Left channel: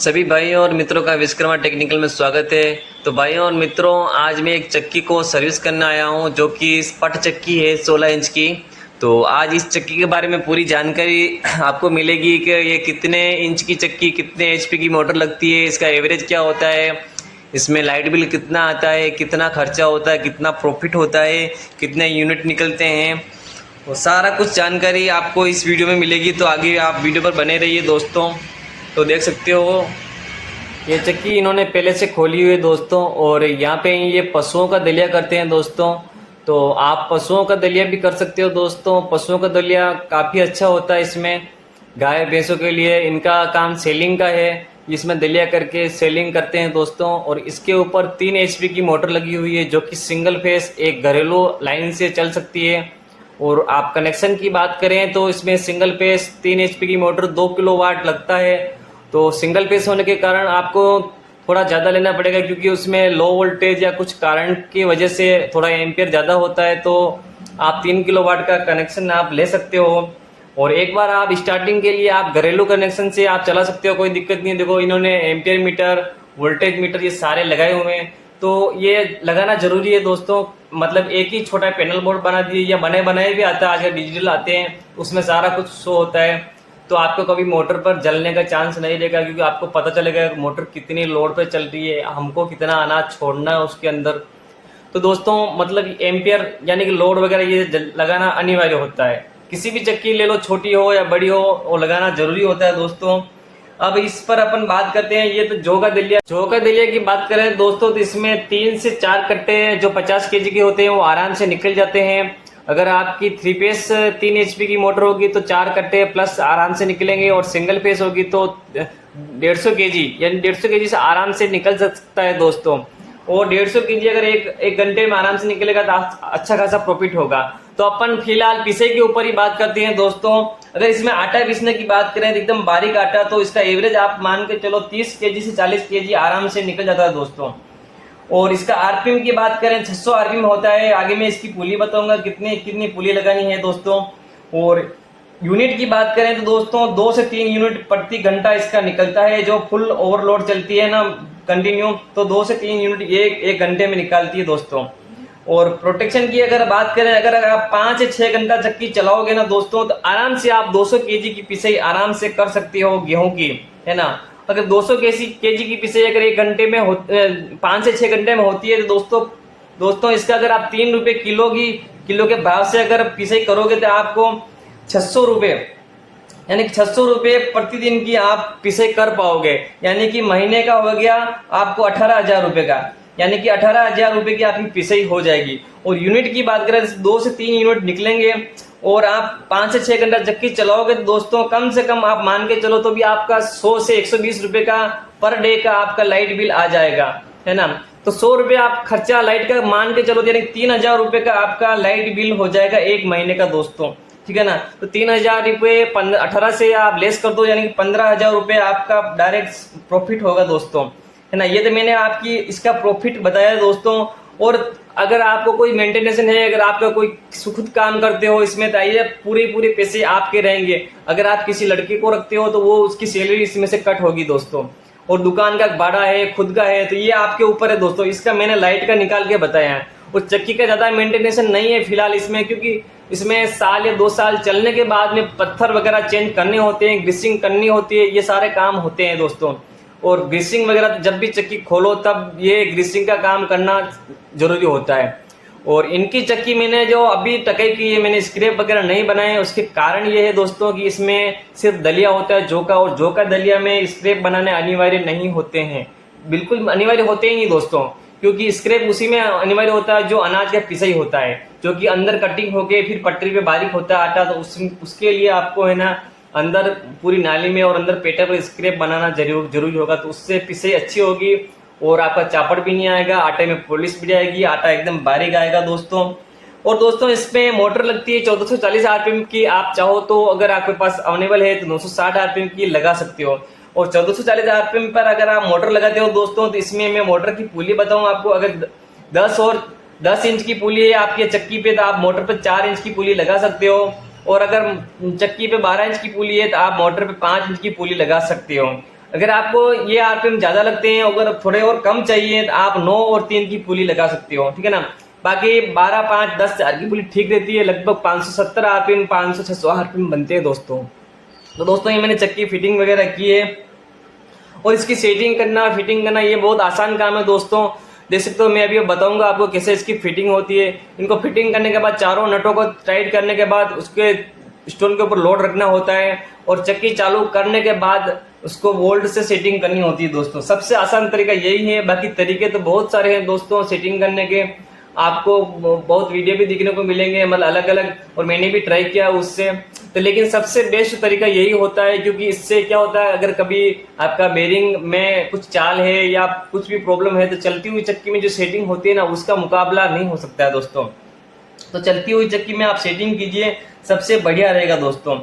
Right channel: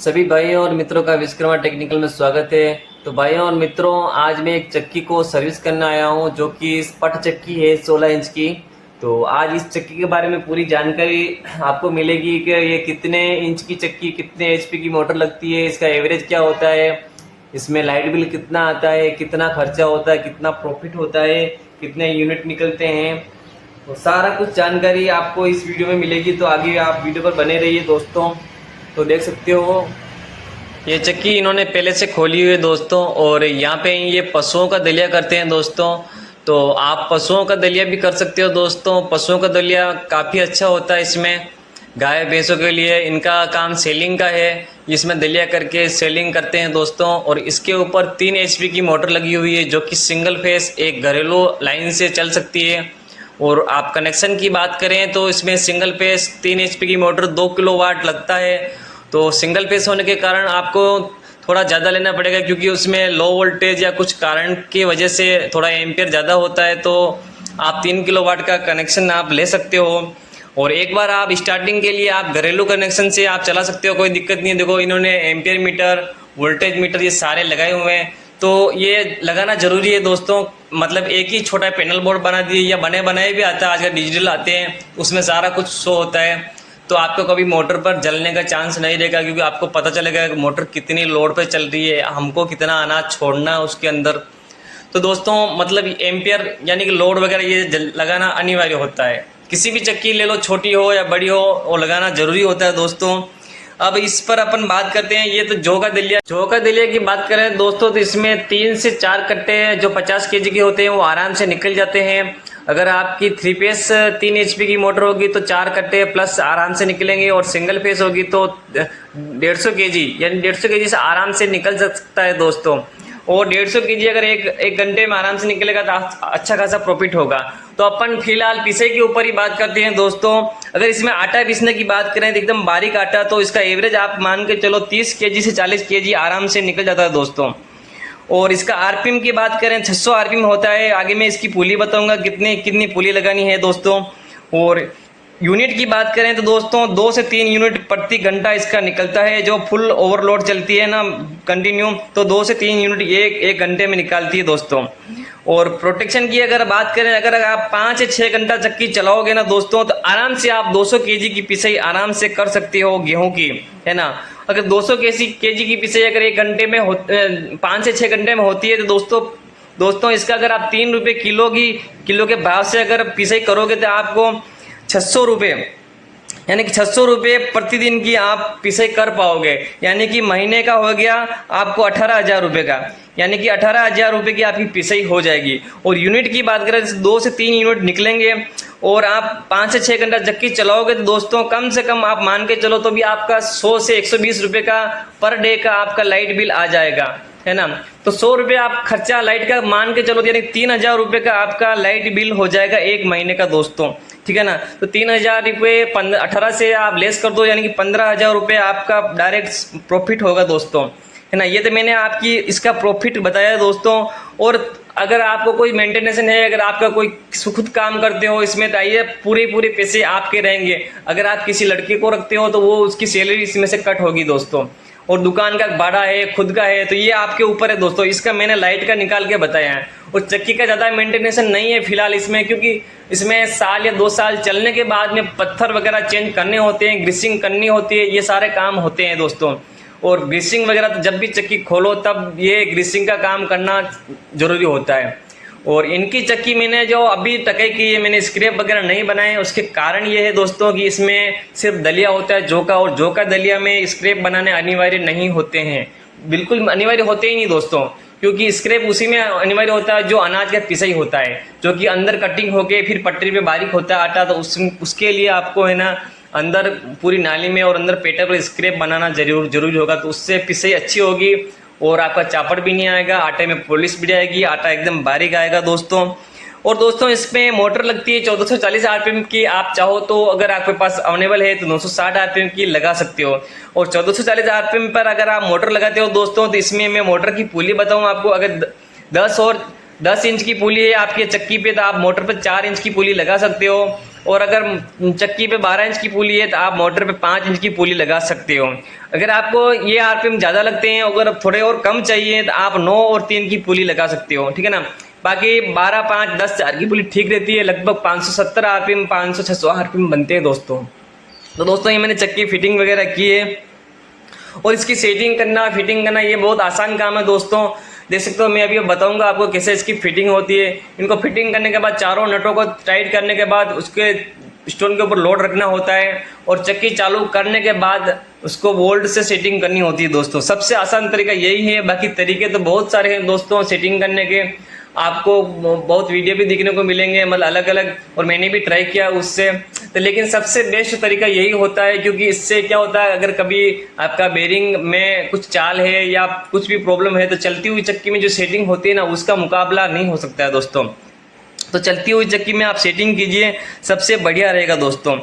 सभी भाइयों और मित्रों का विश्वकर्मा टेक्निकल में स्वागत है। तो भाइयों और मित्रों, आज मैं एक चक्की को सर्विस करने आया हूं जो कि पट चक्की है 16 इंच की। तो आज इस चक्की के बारे में पूरी जानकारी आपको मिलेगी कि ये कितने इंच की चक्की, कितने एचपी की मोटर लगती है, इसका एवरेज क्या होता है, इसमें लाइट बिल कितना आता है, कितना खर्चा होता है, कितना प्रॉफिट होता है, कितने यूनिट निकलते हैं, वो सारा कुछ जानकारी आपको इस वीडियो में मिलेगी। तो आगे आप वीडियो पर बने रहिए दोस्तों। तो देख सकते हो ये चक्की इन्होंने पहले से खोली हुई है दोस्तों, और यहाँ पे ये पशुओं का दलिया करते हैं दोस्तों। तो आप पशुओं का दलिया भी कर सकते हो दोस्तों। पशुओं का दलिया काफ़ी अच्छा होता है। इसमें गाय भैंसों के लिए इनका काम सेलिंग का है, इसमें दलिया करके सेलिंग करते हैं दोस्तों। और इसके ऊपर 3 एचपी की मोटर लगी हुई है जो कि सिंगल फेस एक घरेलू लाइन से चल सकती है। और आप कनेक्शन की बात करें तो इसमें सिंगल फेस 3 एचपी की मोटर 2 किलोवाट लगता है। तो सिंगल फेस होने के कारण आपको थोड़ा ज़्यादा लेना पड़ेगा, क्योंकि उसमें लो वोल्टेज या कुछ कारण की वजह से थोड़ा एम्पियर ज़्यादा होता है। तो आप 3 किलोवाट का कनेक्शन आप ले सकते हो। और एक बार आप स्टार्टिंग के लिए आप घरेलू कनेक्शन से आप चला सकते हो, कोई दिक्कत नहीं है। देखो इन्होंने एम्पियर मीटर, वोल्टेज मीटर ये सारे लगाए हुए हैं। तो ये लगाना ज़रूरी है दोस्तों। मतलब एक ही छोटा पैनल बोर्ड बना दिए या बने बनाए भी आता है, आजकल डिजिटल आते हैं, उसमें सारा कुछ शो होता है। तो आपको कभी मोटर पर जलने का चांस नहीं रहेगा, क्योंकि आपको पता चलेगा कि मोटर कितनी लोड पे चल रही है, हमको कितना अनाज छोड़ना है उसके अंदर। तो दोस्तों मतलब एम्पियर यानी कि लोड वगैरह ये लगाना अनिवार्य होता है। किसी भी चक्की ले लो, छोटी हो या बड़ी हो, वो लगाना ज़रूरी होता है दोस्तों। अब इस पर अपन बात करते हैं। ये तो जौ का दलिया की बात करें दोस्तों, तो इसमें 3 से 4 कट्टे जो 50 केजी के होते हैं वो आराम से निकल जाते हैं। अगर आपकी 3 फेस 3 एचपी की मोटर होगी तो 4 कट्टे प्लस आराम से निकलेंगे, और सिंगल फेस होगी तो 150 केजी यानी 150 केजी से आराम से निकल सकता है दोस्तों। और 150 केजी अगर एक घंटे में आराम से निकलेगा तो अच्छा खासा प्रॉफिट होगा। तो अपन फिलहाल पिसे के ऊपर ही बात करते हैं दोस्तों। अगर इसमें आटा पीसने की बात करें तो एकदम बारीक आटा, तो इसका एवरेज आप मान के चलो 30 केजी से 40 केजी आराम से निकल जाता है दोस्तों। और इसका आरपीएम की बात करें 600 आरपीएम होता है। आगे मैं इसकी पुली बताऊंगा कितनी पुली लगानी है दोस्तों। और यूनिट की बात करें तो दोस्तों 2 से 3 यूनिट प्रति घंटा इसका निकलता है। जो फुल ओवरलोड चलती है ना कंटिन्यू, तो 2 से 3 यूनिट एक घंटे में निकालती है दोस्तों। और प्रोटेक्शन की अगर बात करें, अगर आप 5 से 6 घंटा चक्की चलाओगे ना दोस्तों, तो आराम से आप 200 केजी की पिसाई आराम से कर सकते हो गेहूं की, है ना। अगर 200 केजी की पिसाई अगर 1 घंटे में 5 से 6 घंटे में होती है तो दोस्तों इसका अगर आप 3 रुपये किलो के भाव से अगर पिसाई करोगे तो आपको 600 रुपये यानी कि 600 रुपये प्रतिदिन की आप पिसाई कर पाओगे। यानी कि महीने का हो गया आपको 18,000 रुपये का, यानी कि 18,000 रुपये की आपकी पिसाई हो जाएगी। और यूनिट की बात करें 2 से 3 यूनिट निकलेंगे, और आप 5 से 6 घंटा चक्की चलाओगे तो दोस्तों कम से कम आप मान के चलो तो भी आपका 100 से 120 रुपये का पर डे का आपका लाइट बिल आ जाएगा, है ना। तो 100 रुपये आप खर्चा लाइट का मान के चलो, यानी 3,000 रुपये का आपका लाइट बिल हो जाएगा एक महीने का दोस्तों, ठीक है ना। तो 3,000 रुपये 18 से आप लेस कर दो, यानी कि 15,000 रुपये आपका डायरेक्ट प्रॉफिट होगा दोस्तों, है ना। ये तो मैंने आपकी इसका प्रॉफिट बताया दोस्तों। और अगर आपको कोई मेंटेनेंस है, अगर आपका कोई खुद काम करते हो इसमें, तो आइए पूरे पैसे आपके रहेंगे। अगर आप किसी लड़के को रखते हो तो वो उसकी सैलरी इसमें से कट होगी दोस्तों। और दुकान का भाड़ा है, खुद का है, तो ये आपके ऊपर है दोस्तों। इसका मैंने लाइट का निकाल के बताया है। और चक्की का ज़्यादा मेंटेनेंस नहीं है फिलहाल इसमें, क्योंकि इसमें साल या 2 साल चलने के बाद में पत्थर वगैरह चेंज करने होते हैं, ग्रीसिंग करनी होती है, ये सारे काम होते हैं दोस्तों। और ग्रीसिंग वगैरह तो जब भी चक्की खोलो तब ये ग्रीसिंग का काम करना ज़रूरी होता है। और इनकी चक्की मैंने जो अभी टकाई की है, मैंने स्क्रैप वगैरह नहीं बनाए। उसके कारण ये है दोस्तों कि इसमें सिर्फ दलिया होता है जौ का, और जौ का दलिया में स्क्रैप बनाने अनिवार्य नहीं होते हैं, बिल्कुल अनिवार्य होते ही नहीं दोस्तों। क्योंकि स्क्रैप उसी में अनिवार्य होता है जो अनाज का पिसाई होता है, जो कि अंदर कटिंग होके फिर पटरी पे बारीक होता है आटा। तो उसके लिए आपको है ना अंदर पूरी नाली में और अंदर पेटा पर स्क्रैप बनाना जरूरी होगा। तो उससे पिसाई अच्छी होगी और आपका चापड़ भी नहीं आएगा, आटे में पॉलिश भी जाएगी, आटा एकदम बारीक आएगा दोस्तों। और दोस्तों इसमें मोटर लगती है 1440 आरपीएम की। आप चाहो तो अगर आपके पास अवेलेबल है तो 960 आरपीएम की लगा सकते हो। और 1440 आरपीएम पर अगर आप मोटर लगाते हो दोस्तों, तो इसमें मैं मोटर की पुली बताऊं आपको। अगर 10 इंच की पुली है आपकी चक्की पे, तो आप मोटर पर 4 इंच की पुली लगा सकते हो। और अगर चक्की पे 12 इंच की पुली है तो आप मोटर पे 5 इंच की पुली लगा सकते हो। अगर आपको ये आरपीएम ज़्यादा लगते हैं, अगर थोड़े और कम चाहिए तो आप 9 और 3 की पुली लगा सकते हो, ठीक है ना। बाकी 12, 5, 10, 4 की पुली ठीक रहती है। लगभग 570 आरपीएम, 500, 600 आरपीएम बनते हैं दोस्तों। तो दोस्तों ये मैंने चक्की फिटिंग वगैरह की है, और इसकी सेटिंग करना, फिटिंग करना ये बहुत आसान काम है दोस्तों। देख सकते हो, मैं अभी बताऊंगा आपको कैसे इसकी फिटिंग होती है। इनको फिटिंग करने के बाद चारों नटों को टाइट करने के बाद उसके स्टोन के ऊपर लोड रखना होता है, और चक्की चालू करने के बाद उसको वोल्ट से सेटिंग करनी होती है दोस्तों। सबसे आसान तरीका यही है, बाकी तरीके तो बहुत सारे हैं दोस्तों सेटिंग करने के। आपको बहुत वीडियो भी देखने को मिलेंगे, मतलब अलग अलग, और मैंने भी ट्राई किया उससे। तो लेकिन सबसे बेस्ट तरीका यही होता है, क्योंकि इससे क्या होता है, अगर कभी आपका बेरिंग में कुछ चाल है या कुछ भी प्रॉब्लम है, तो चलती हुई चक्की में जो सेटिंग होती है ना, उसका मुकाबला नहीं हो सकता है दोस्तों। तो चलती हुई चक्की में आप सेटिंग कीजिए, सबसे बढ़िया रहेगा दोस्तों।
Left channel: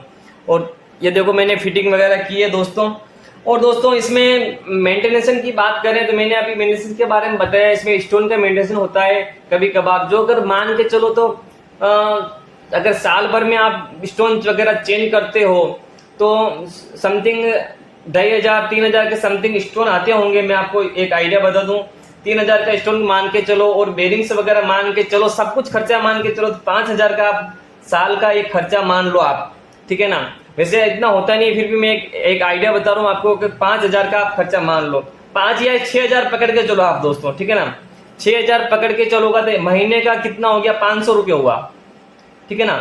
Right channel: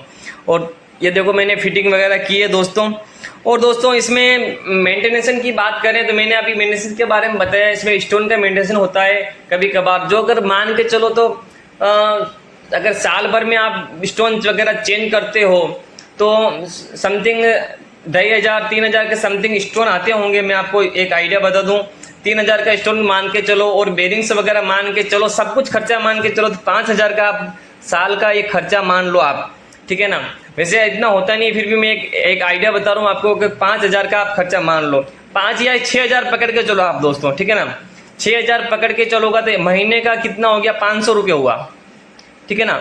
और ये देखो मैंने फिटिंग वगैरह की है दोस्तों। और दोस्तों इसमें मेंटेनेंस की बात करें तो मैंने अभी मेंटेनेंस के बारे में बताया। इसमें स्टोन का मेंटेनेंस होता है कभी कभार, जो अगर मान के चलो तो अगर साल भर में आप स्टोन वगैरह चेंज करते हो तो समथिंग 2500, 3000 के समथिंग स्टोन आते होंगे। मैं आपको एक आइडिया बता दूं, 3000 का स्टोन मान के चलो, और बेरिंग्स वगैरह मान के चलो, सब कुछ खर्चा मान के चलो, तो 5000 का आप साल का एक खर्चा मान लो आप, ठीक है ना। वैसे इतना होता नहीं, फिर भी मैं एक आइडिया बता रहा हूँ आपको कि 5000 का आप खर्चा मान लो, 5 या 6000 पकड़ के चलो आप दोस्तों, ठीक है ना। 6000 पकड़ के चलोगा तो महीने का कितना हो गया, 500 रुपये हुआ, ठीक है ना।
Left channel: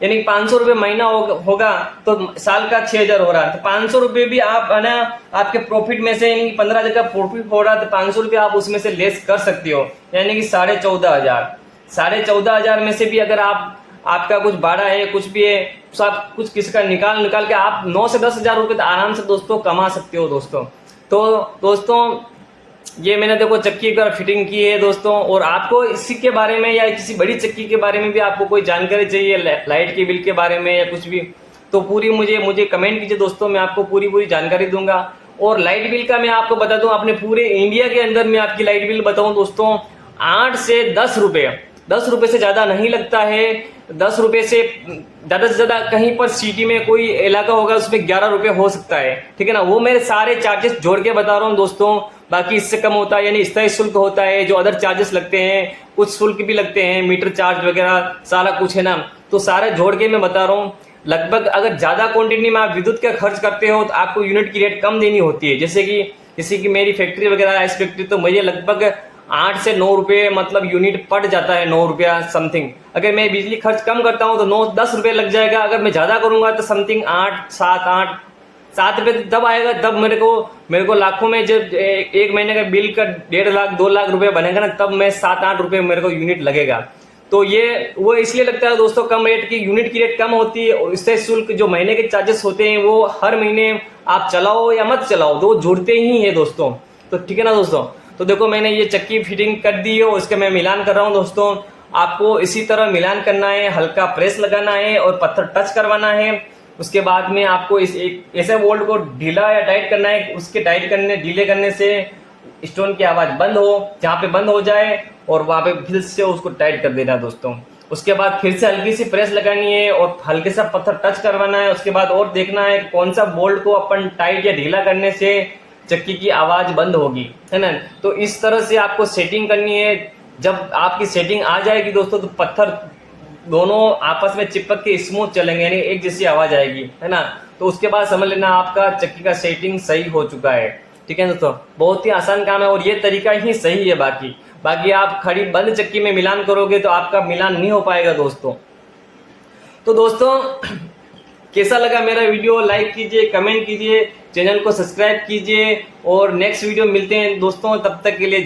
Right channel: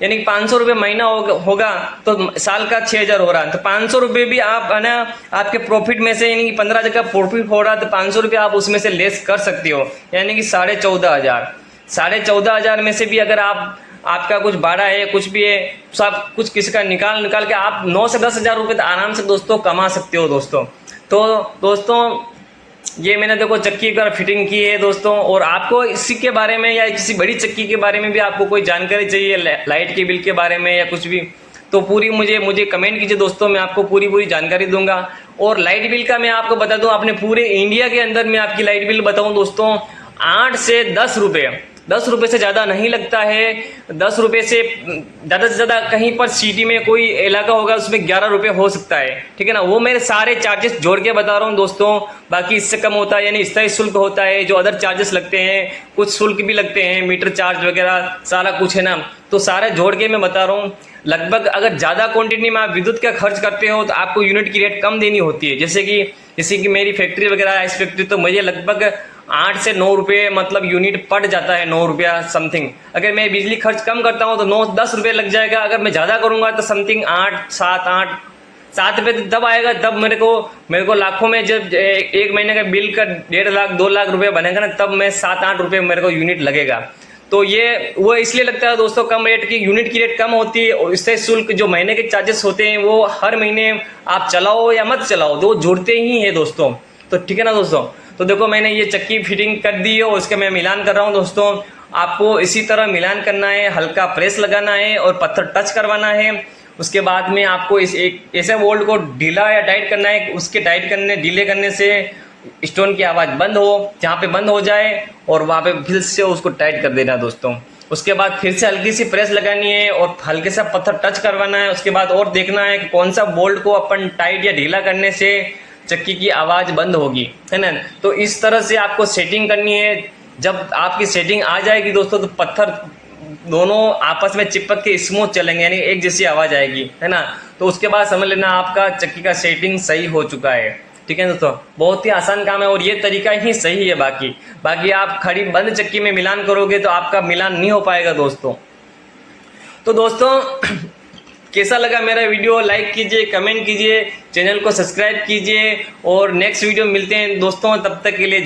यानी 500 रुपये महीना होगा तो साल का 6000 हो रहा है। तो 500 रुपये भी आप है ना आपके प्रॉफिट में से, यानी कि 15,000 का प्रॉफिट हो रहा है, तो 500 रुपये आप उसमें से लेस कर सकते हो, यानी कि 14,500। 14,500 में से भी अगर आपका कुछ भाड़ा है, कुछ भी है, सब कुछ किसी का निकाल के आप 9 से 10,000 रुपये तो आराम से दोस्तों कमा सकते हो दोस्तों। तो दोस्तों ये मैंने देखो चक्की का फिटिंग की है दोस्तों। और आपको इसी के बारे में या किसी बड़ी चक्की के बारे में भी आपको कोई जानकारी चाहिए, लाइट के बिल के बारे में या कुछ भी, तो पूरी मुझे कमेंट कीजिए दोस्तों, मैं आपको पूरी जानकारी दूंगा। और लाइट बिल का मैं आपको बता दूं, अपने पूरे इंडिया के अंदर मैं आपकी लाइट बिल बताऊं दोस्तों, 8 से 10 रुपये, 10 रुपये से ज़्यादा नहीं लगता है। 10 रुपये से ज़्यादा कहीं पर सिटी में कोई इलाका होगा उसमें 11 रुपये हो सकता है, ठीक है ना। वो मेरे सारे चार्जेस जोड़ के बता रहा हूँ दोस्तों, बाकी इससे कम होता है, यानी स्थायी शुल्क होता है, जो अदर चार्जेस लगते हैं, कुछ शुल्क भी लगते हैं, मीटर चार्ज वगैरह सारा कुछ है ना, तो सारे जोड़ के मैं बता रहा हूँ। लगभग अगर ज़्यादा क्वांटिटी में आप विद्युत का खर्च करते हो तो आपको यूनिट की रेट कम देनी होती है। जैसे कि मेरी फैक्ट्री वगैरह है, इस फैक्ट्री तो मुझे लगभग 8 से 9 रुपये मतलब यूनिट पड़ जाता है, 9 रुपया समथिंग। अगर मैं बिजली खर्च कम करता हूँ तो 9-10 रुपये लग जाएगा। अगर मैं ज़्यादा करूँगा तो समथिंग 7 रुपये तब आएगा, तब मेरे को लाखों में जब एक महीने का बिल का 1.5 लाख 2 लाख रुपये बनेगा ना, तब मैं 7-8 रुपये मेरे को यूनिट लगेगा। तो ये वो इसलिए लगता है दोस्तों कम रेट की, यूनिट की रेट कम होती है, और इससे शुल्क जो महीने के चार्जेस होते हैं वो हर महीने आप चलाओ या मत चलाओ तो जुड़ते ही है दोस्तों। तो ठीक है ना दोस्तों। तो देखो मैंने ये चक्की फिटिंग कर दी है और उसके मैं मिलान कर रहा हूँ दोस्तों। आपको इसी तरह मिलान करना है, हल्का प्रेस लगाना है और पत्थर टच करवाना है। उसके बाद में आपको इस एक ऐसे बोल्ट को ढीला या टाइट करना है, उसके ढीले करने से स्टोन की आवाज़ बंद हो, जहाँ पे बंद हो जाए और वहाँ पे फिर से उसको टाइट कर देना दोस्तों। उसके बाद फिर से हल्की सी प्रेस लगानी है और हल्के सा पत्थर टच करवाना है। उसके बाद और देखना है कि कौन सा बोल्ट को अपन टाइट या ढीला करने से चक्की की आवाज़ बंद होगी, है ना। तो इस तरह से आपको सेटिंग करनी है। जब आपकी सेटिंग आ जाएगी दोस्तों तो पत्थर दोनों आपस में चिपक के स्मूथ चलेंगे, यानी एक जैसी आवाज़ आएगी, है ना। तो उसके बाद समझ लेना आपका चक्की का सेटिंग सही हो चुका है। ठीक है दोस्तों, बहुत ही आसान काम है और ये तरीका ही सही है। बाकी आप खड़ी बंद चक्की में मिलान करोगे तो आपका मिलान नहीं हो पाएगा दोस्तों। तो दोस्तों कैसा लगा मेरा वीडियो, लाइक कीजिए, कमेंट कीजिए, चैनल को सब्सक्राइब कीजिए और नेक्स्ट वीडियो मिलते हैं दोस्तों। तब तक के लिए